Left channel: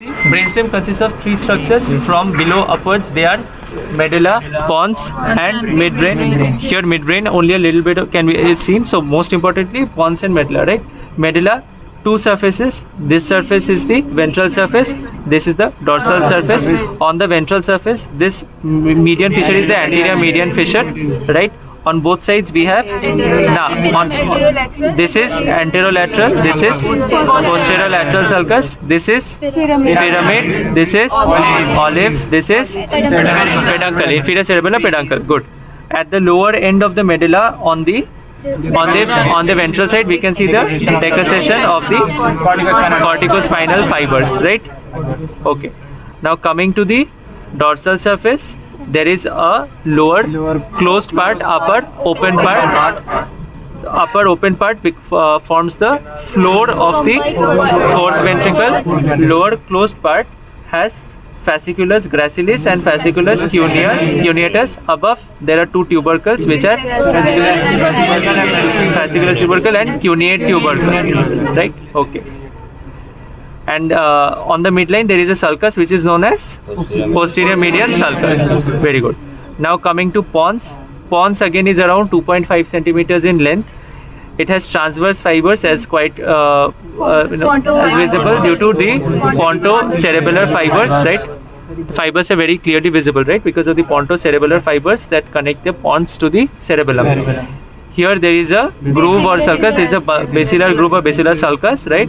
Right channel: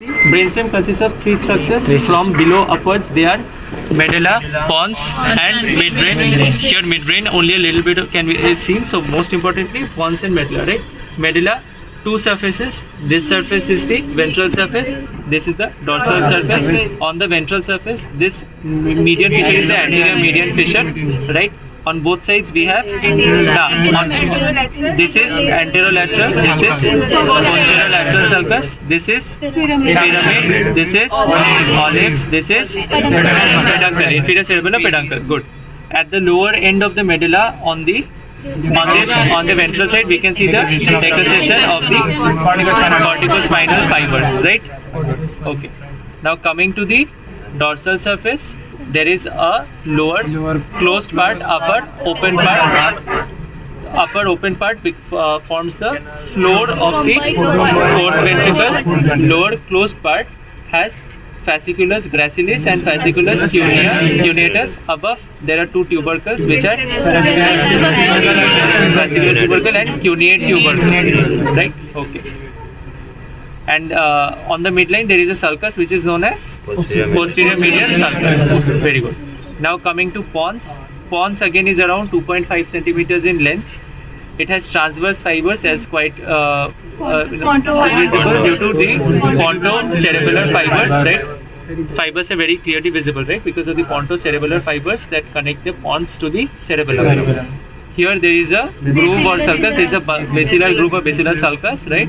Brainstem consists of three structures from below upwards. They are medulla, pons, and midbrain. Here midbrain only a little bit can be is seen. So most importantly, pons and medulla, right? Medulla, two surfaces. This surface is the ventral surface. This is the dorsal surface. On the ventral surface, this median fissure is the anterior median fissure, right? On both sides we have this is anterolateral, this is posterolateral sulcus, this is pyramid, this is olive, this is peduncle, inferior cerebellar peduncle. Good. At the lower end of the medulla on the ventral side we can see the decusation of the corticospinal fibers, right? Okay. Now coming to the dorsal surface, there is a lower closed part, upper open part. Upper open part forms the floor of the fourth ventricle. Lower closed part has fasciculus gracilis and fasciculus cuneatus. Above there are two tubercles which are fasciculus tubercle and cuneate tubercle, right? Okay. And on the midline there is a sulcus which is known as posterior median sulcus. Very good. Now coming to pons. Pons again is around 2.5 centimeters in length. It has transverse fibers as quite as visible due to the pontocerebellar fibers, right? Fibers are very clearly visible, right? Because of the pontocerebellar fibers that connect the pons to the cerebellum. Here there is a groove or sulcus. There is a basilar groove or basilar sulcus, right?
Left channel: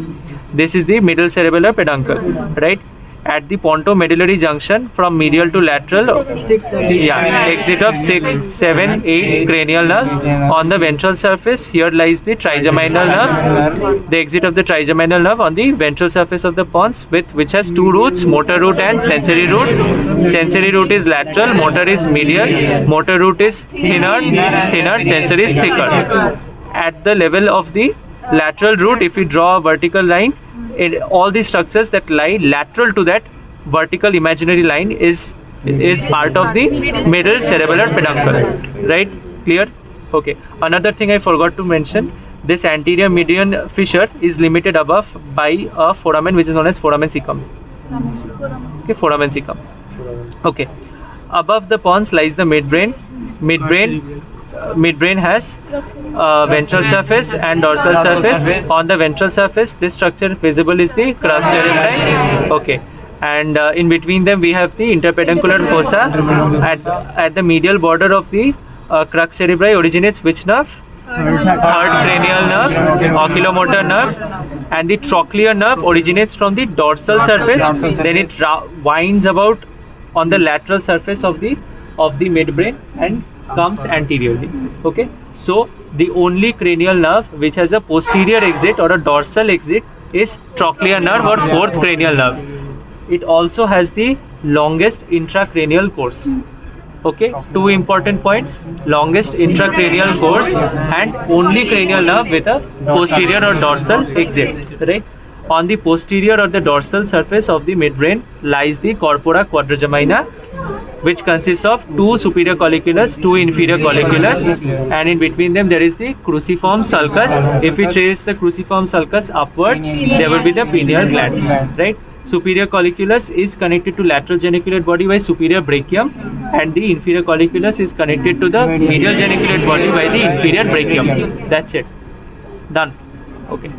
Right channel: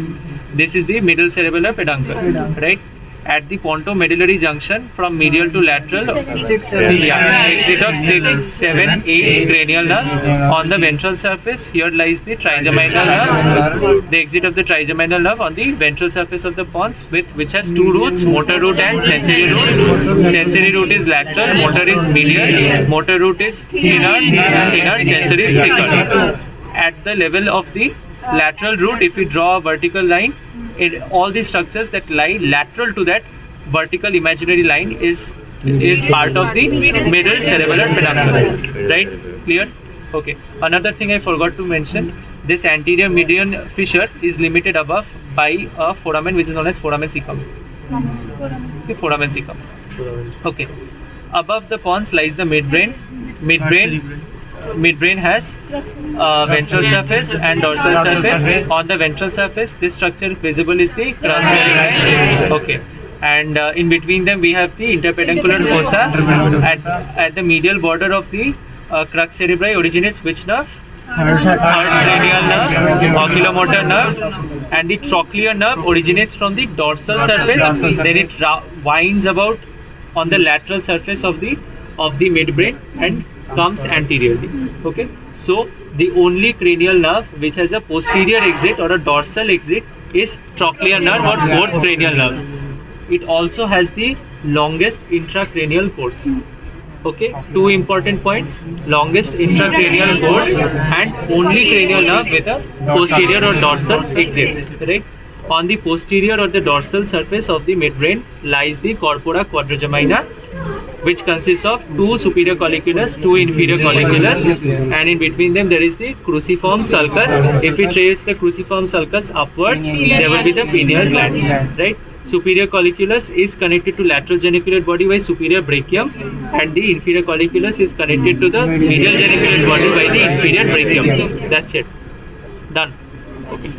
This is the middle cerebellar peduncle, right? At the pontomedullary junction from medial to lateral, exit of 6, 7, 8 cranial nerves. On the ventral surface, here lies the trigeminal nerve. The exit of the trigeminal nerve on the ventral surface of the pons, which has two roots, motor root and sensory root. Sensory root is lateral, motor is medial. Motor root is thinner, sensory is thicker. At the level of the lateral root, if we draw a vertical line, all the structures that lie lateral to that vertical imaginary line is part of the middle cerebellar peduncle, right? Clear? Okay. Another thing I forgot to mention, this anterior median fissure is limited above by a foramen which is known as foramen cecum. Okay, foramen cecum. Okay. Above the pons lies the midbrain. Midbrain has ventral surface and dorsal surface. On the ventral surface, this structure visible is the crux cerebri. Okay, and in between them we have the interpeduncular fossa. At the medial border of the crux cerebri originates which nerve? Third cranial nerve, oculomotor nerve, and the trochlear nerve originates from the dorsal surface. Then it winds about on the lateral surface of the midbrain and comes anteriorly. Okay, so the only cranial nerve which has a posterior exit or a dorsal exit is trochlear nerve or fourth cranial nerve. It also has the longest intracranial course. Okay, two important points: longest intracranial course and only cranial nerve with a posterior or dorsal exit, right? On the posterior or the dorsal surface of the midbrain lies the corpora quadragemina, which consists of two superior colliculus, two inferior colliculus, and in between them there is the cruciform sulcus. If we trace the cruciform sulcus upwards, there will be the pineal gland, right? Superior colliculus is connected to lateral geniculate body by superior brachium, and the inferior colliculus is connected to the medial geniculate body by the inferior brachium. That's it. Done. Okay.